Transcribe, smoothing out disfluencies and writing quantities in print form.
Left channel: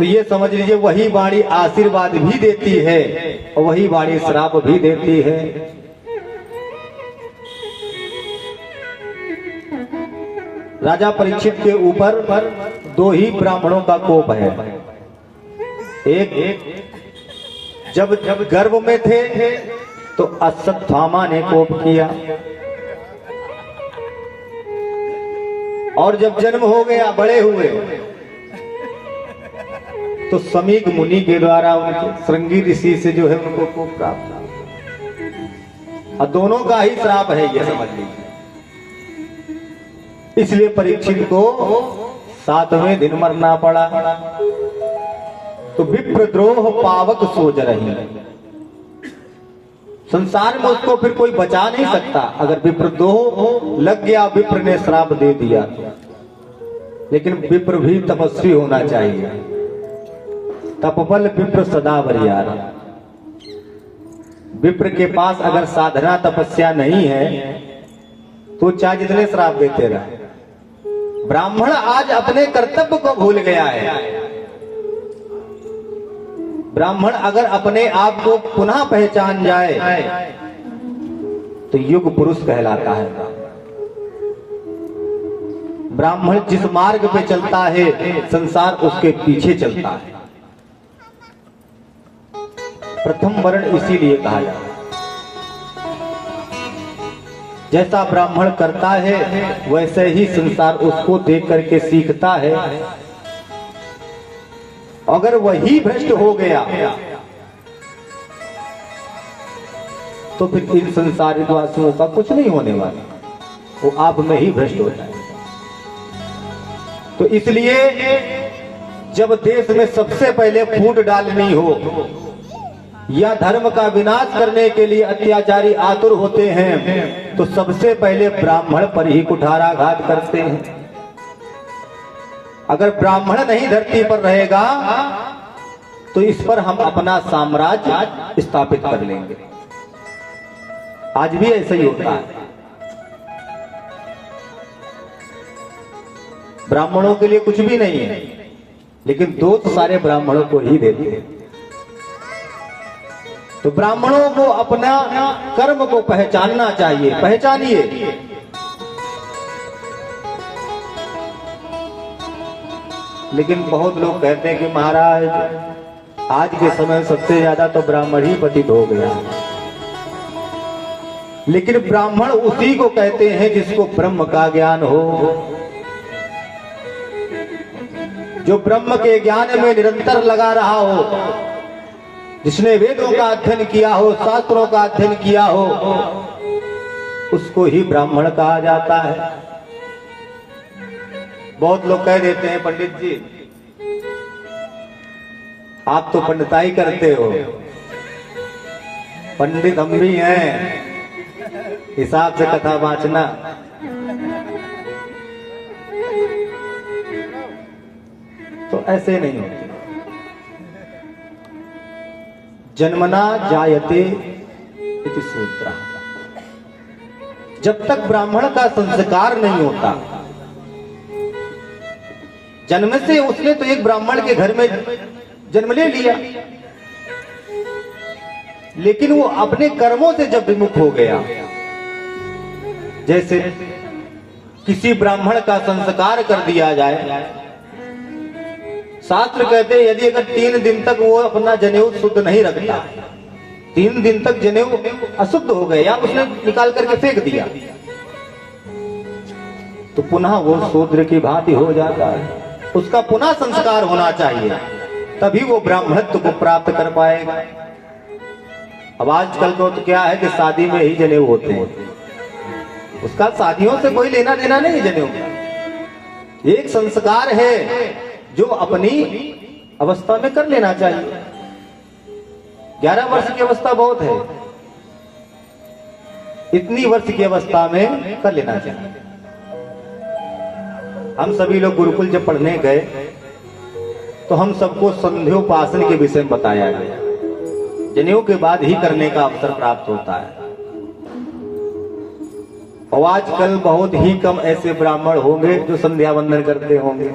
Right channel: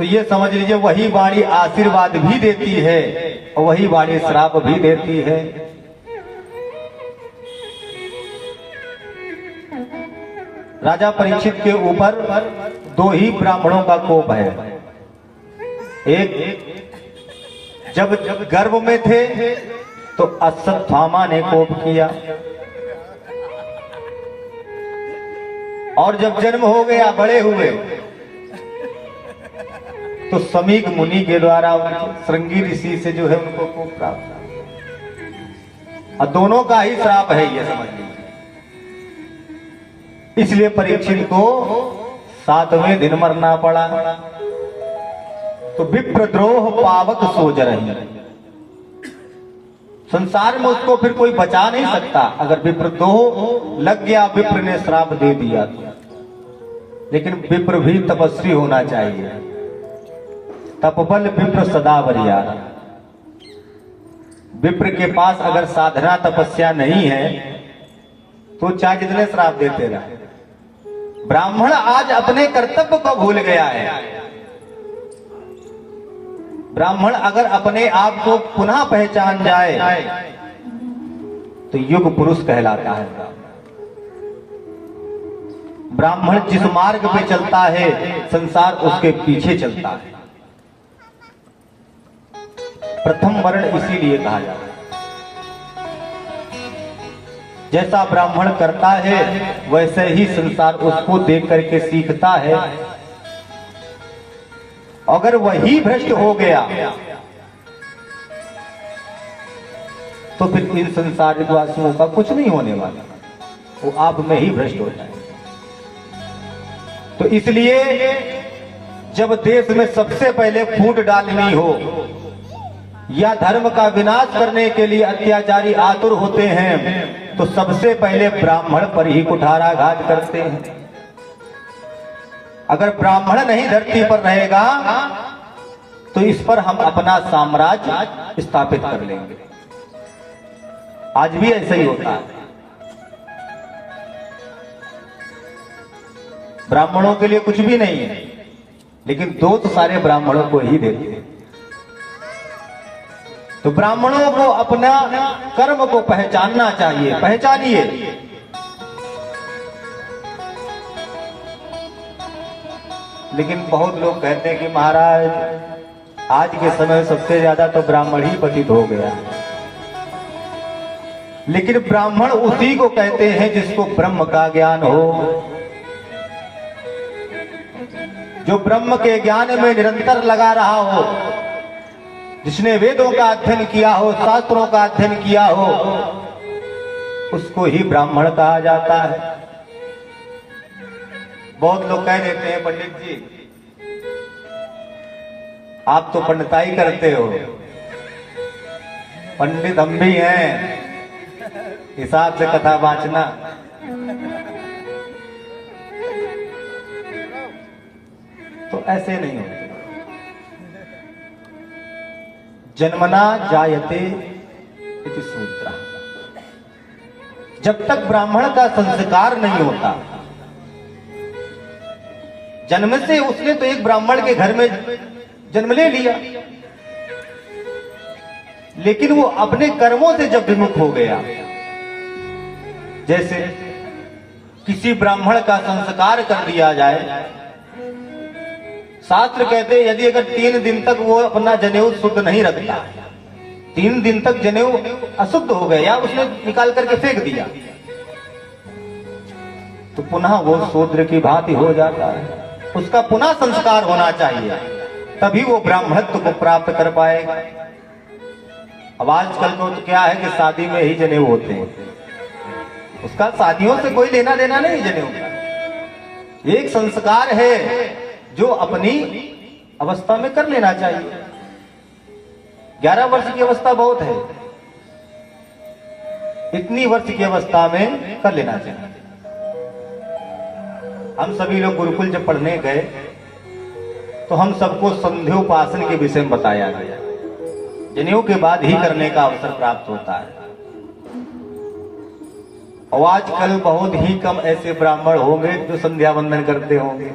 तो ये समझ लीजिए वही वाणी आशीर्वाद भी देती है और वही वाणी श्राप भी देती है। राजा परीक्षित के ऊपर दो ही ब्राह्मणों का कोप है। एक जब गर्भ में थे तो अश्वत्थामा ने कोप किया, और जब जन्म हो गया बड़े हुए तो समीक मुनि के द्वारा उनके श्रृंगी ऋषि से जो है उनको कोप प्राप्त हुआ। दोनों का ही श्राप है ये समझ लीजिए। इसलिए परीक्षित को 7वें दिन मरना पड़ा। तो विप्रद्रोह पावक सोच रही, संसार में उसको फिर कोई बचा नहीं सकता। अगर विप्रद्रोह लग गया, विप्र ने श्राप दे दिया, लेकिन विप्र भी तपस्वी होना चाहिए। तपबल विप्र सदा बरियार। विप्र के पास अगर साधना तपस्या नहीं है तो चाहे जितने श्राप देते रहे। ब्राह्मण आज अपने कर्तव्य को भूल गया है। ब्राह्मण अगर अपने आप को पुनः पहचान जाए तो युग पुरुष कहलाता है। ब्राह्मण जिस मार्ग पे चलता है संसार उसके पीछे चलता है। प्रथम वर्ण इसीलिए कहा जाता है। जैसा ब्राह्मण करता है वैसे ही संसार उसको देख करके सीखता है। अगर वही भ्रष्ट हो गया तो फिर इन संसारिक वासियों का कुछ नहीं होने वाला, वो आप में ही भ्रष्ट होता है। तो इसलिए जब देश में सबसे पहले फूट डालनी हो या धर्म का विनाश करने के लिए अत्याचारी आतुर होते हैं तो सबसे पहले ब्राह्मण पर ही कुठाराघात करते हैं। अगर ब्राह्मण नहीं धरती पर रहेगा तो इस पर हम अपना साम्राज्य स्थापित कर लेंगे। आज भी ऐसा ही होता है। ब्राह्मणों के लिए कुछ भी नहीं है, लेकिन दोष सारे ब्राह्मणों को ही देते हैं। तो ब्राह्मणों को अपना कर्म को पहचानना चाहिए। पहचानिए। लेकिन बहुत लोग कहते हैं कि महाराज आज के समय सबसे ज्यादा तो ब्राह्मण ही पतित हो गया। लेकिन ब्राह्मण उसी को कहते हैं जिसको ब्रह्म का ज्ञान हो, जो ब्रह्म के ज्ञान में निरंतर लगा रहा हो, जिसने वेदों का अध्ययन किया हो, शास्त्रों का अध्ययन किया हो, उसको ही ब्राह्मण कहा जाता है। बहुत लोग कह देते हैं पंडित जी आप तो पंडिताई करते हो। पंडित हम भी हैं, हिसाब से कथा वाचना। तो ऐसे नहीं होते। जन्मना जायते इति सूत्र। जब तक ब्राह्मण का संस्कार नहीं होता, जन्म से उसने तो एक ब्राह्मण के घर में जन्म ले लिया, लेकिन वो अपने कर्मों से जब विमुख हो गया, जैसे किसी ब्राह्मण का संस्कार कर दिया जाए, शास्त्र कहते हैं यदि अगर 3 दिन तक वो अपना जनेऊ शुद्ध नहीं रखता, 3 दिन तक जनेऊ अशुद्ध हो गया या उसने निकाल करके फेंक दिया, तो पुनः वो शूद्र की भांति हो जाता है। उसका पुनः संस्कार होना चाहिए, तभी वो ब्राह्मणत्व को प्राप्त कर पाएगा। अब आजकल को तो क्या है कि शादी में ही जनेऊ होते हैं, उसका शादियों से कोई लेना देना नहीं। जनेऊ एक संस्कार है जो अपनी अवस्था में कर लेना चाहिए। 11 वर्ष की अवस्था बहुत है, इतनी वर्ष की अवस्था में कर लेना चाहिए। हम सभी लोग गुरुकुल जब पढ़ने गए तो हम सबको संध्योपासन के विषय में बताया गया। जनेऊ के बाद ही करने का अवसर प्राप्त होता है। और आजकल बहुत ही कम ऐसे ब्राह्मण होंगे जो संध्या वंदन करते होंगे।